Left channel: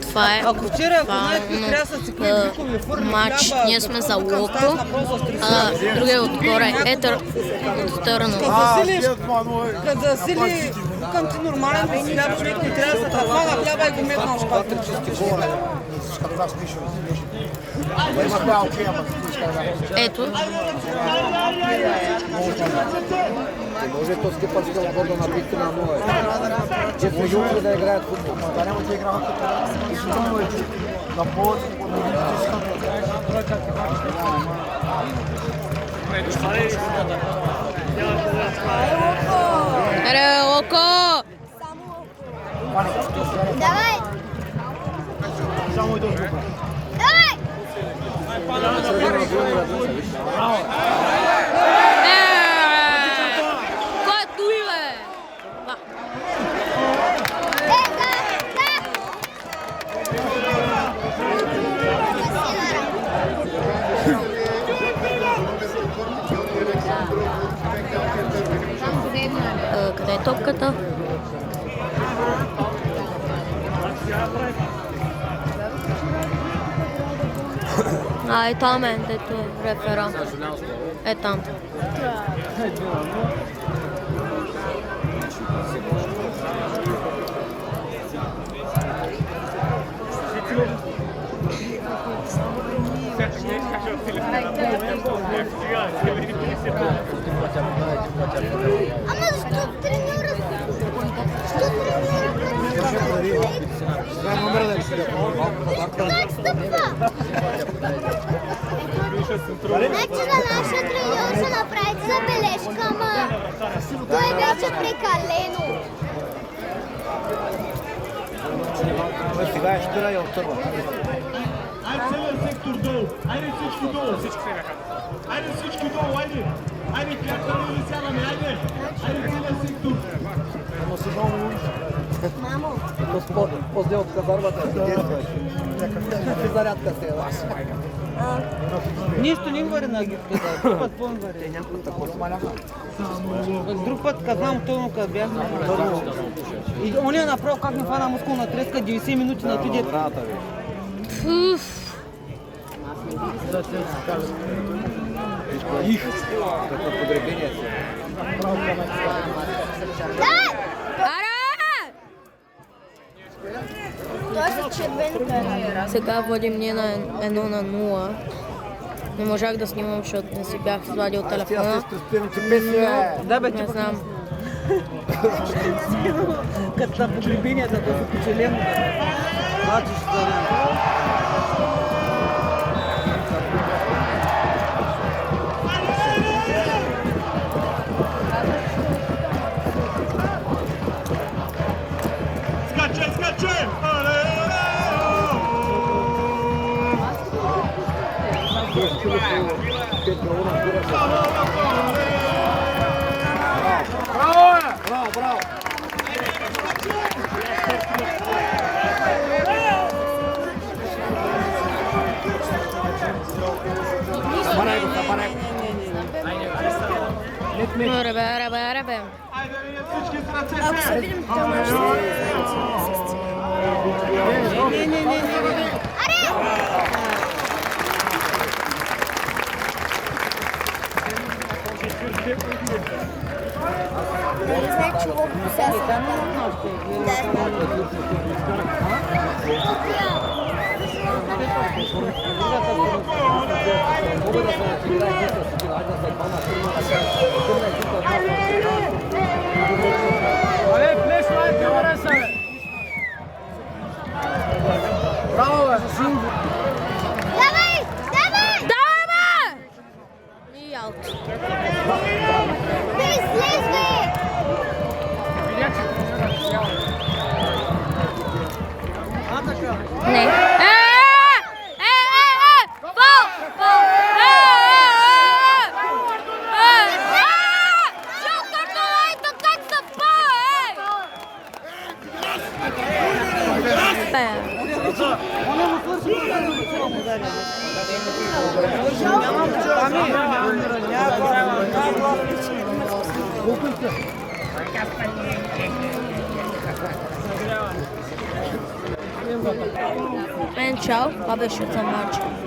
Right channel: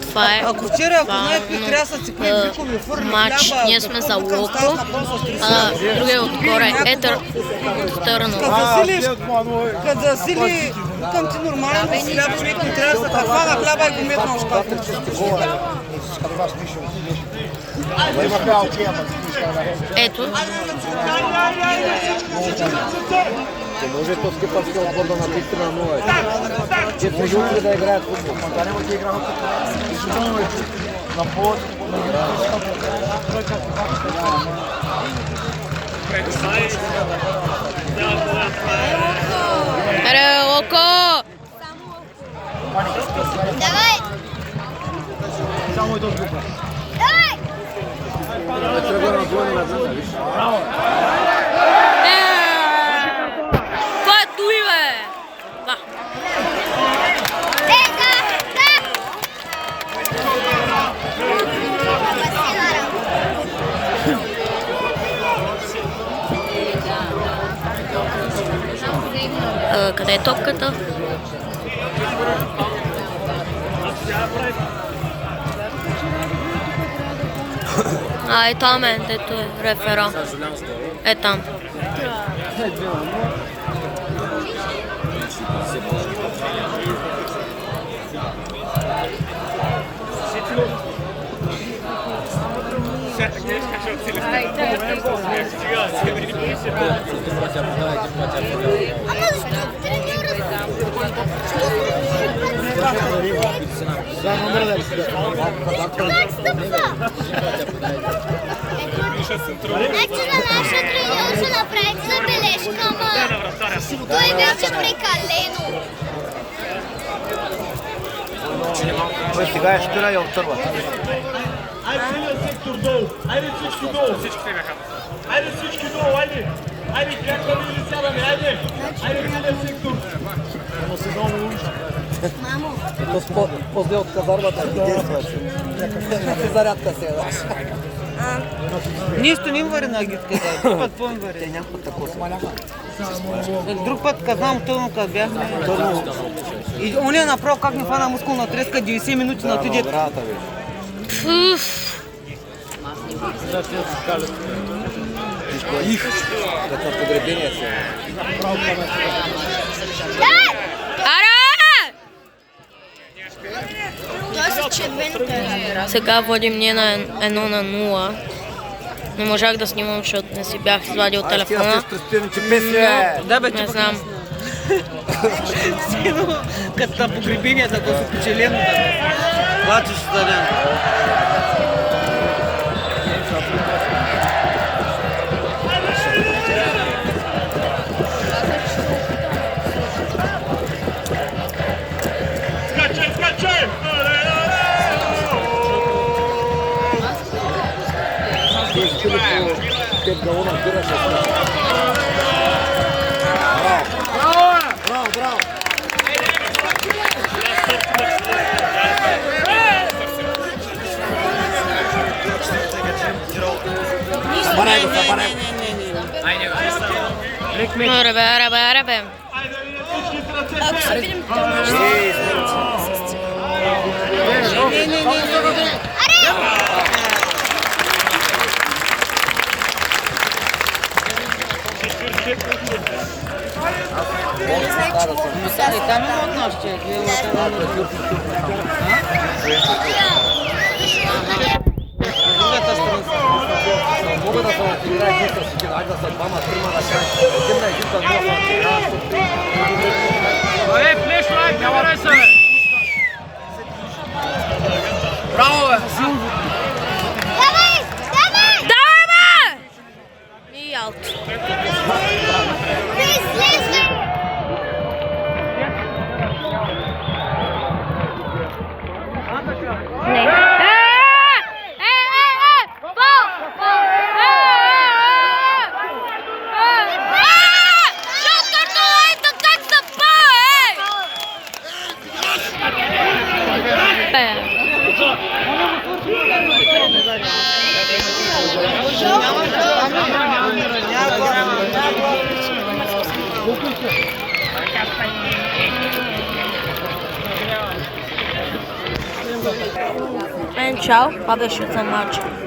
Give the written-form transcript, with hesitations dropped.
Това е Ако вчера, ако знаете, трясъци предизвикови фурни матч. Ние сме за Локо, а другия отгоре е Търново. Като засили, към ти нормален да си хляб, човек не трябва да се хвана хляба и го метна в шкафа. Ето. Не може по-скъпарска лаборда на 3 на 0. Че сме жутли да играят футбол. Аре, Локо! Давай! Кой е туй, бе? Да. Къде е топката? Е там е, дето е рефера. Е там. Ама защо треньора? Как стъпва? Значи на нашия треньор се направи забележка, ама той беше прекалено. Сега е шпира и отърва. Айде целият сектор долу! Айде всички долу! Айде всички долу, айде! Айде, крякаме или сядаме, айде! Айде целият сектор! После от казармата не действаш. Зарядка се е. Ние стоим вари на агитката, друг път по-ми вари. Друг път казвам тъмно, като бяхме. И ония направо как ни фана мускулна треска, 90 минути на тъдет. Като погребение си. Сега водим ние на 1-0. Не можах да снимам, защото не си бях извадил телефона. Да, бе, Не знам. Като на погребенията, да се печелим. Плачеш за ден. Скачай, скачай! Браво, браво! Аре бе. Айде, всички с ръце! Не. И там има от нашите. Другата страна. Мога да се отиграе дете си, да са двама, трима на край. Една екипа, Ей, плеш, лайк, не варай се, бе! браво, бе! Давай! Давай! Давай, бе! И аут. Излезе! Не. Чао, това беше от матча.